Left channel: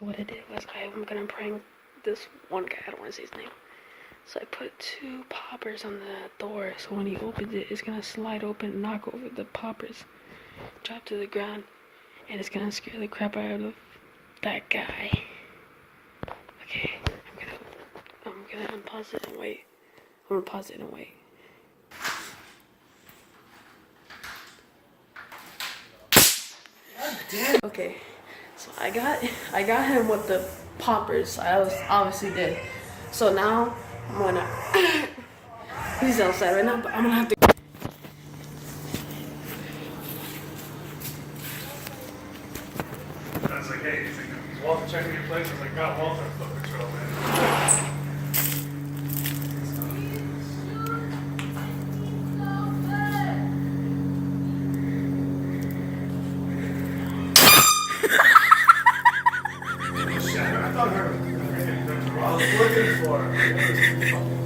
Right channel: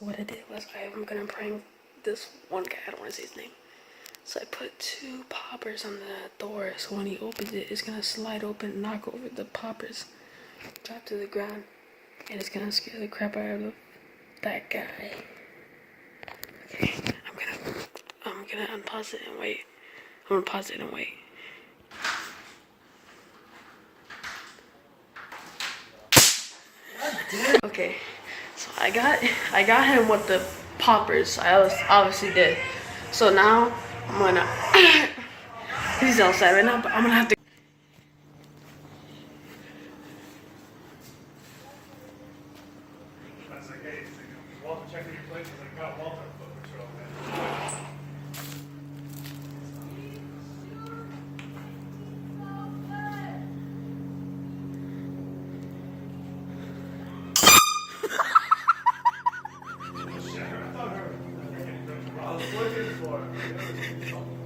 What I did was I'm gonna prank this one guy. I don't want to say his name. So I put 2 poppers on the door, so when he opens it, it's gonna slide open, knock over the poppers, drop to the ground, and it's gonna scare the crap out of that guy. Okay, I'm gonna unpause it and wait. I'm gonna pause it and wait. Okay, so I got him with the poppers. I obviously did. So now I'm gonna. He's outside right now, but I'm gonna have to. I was like, hey, is Walter checking your place? I was like, got Walter on foot patrol, man. I thought her. I was looking for her.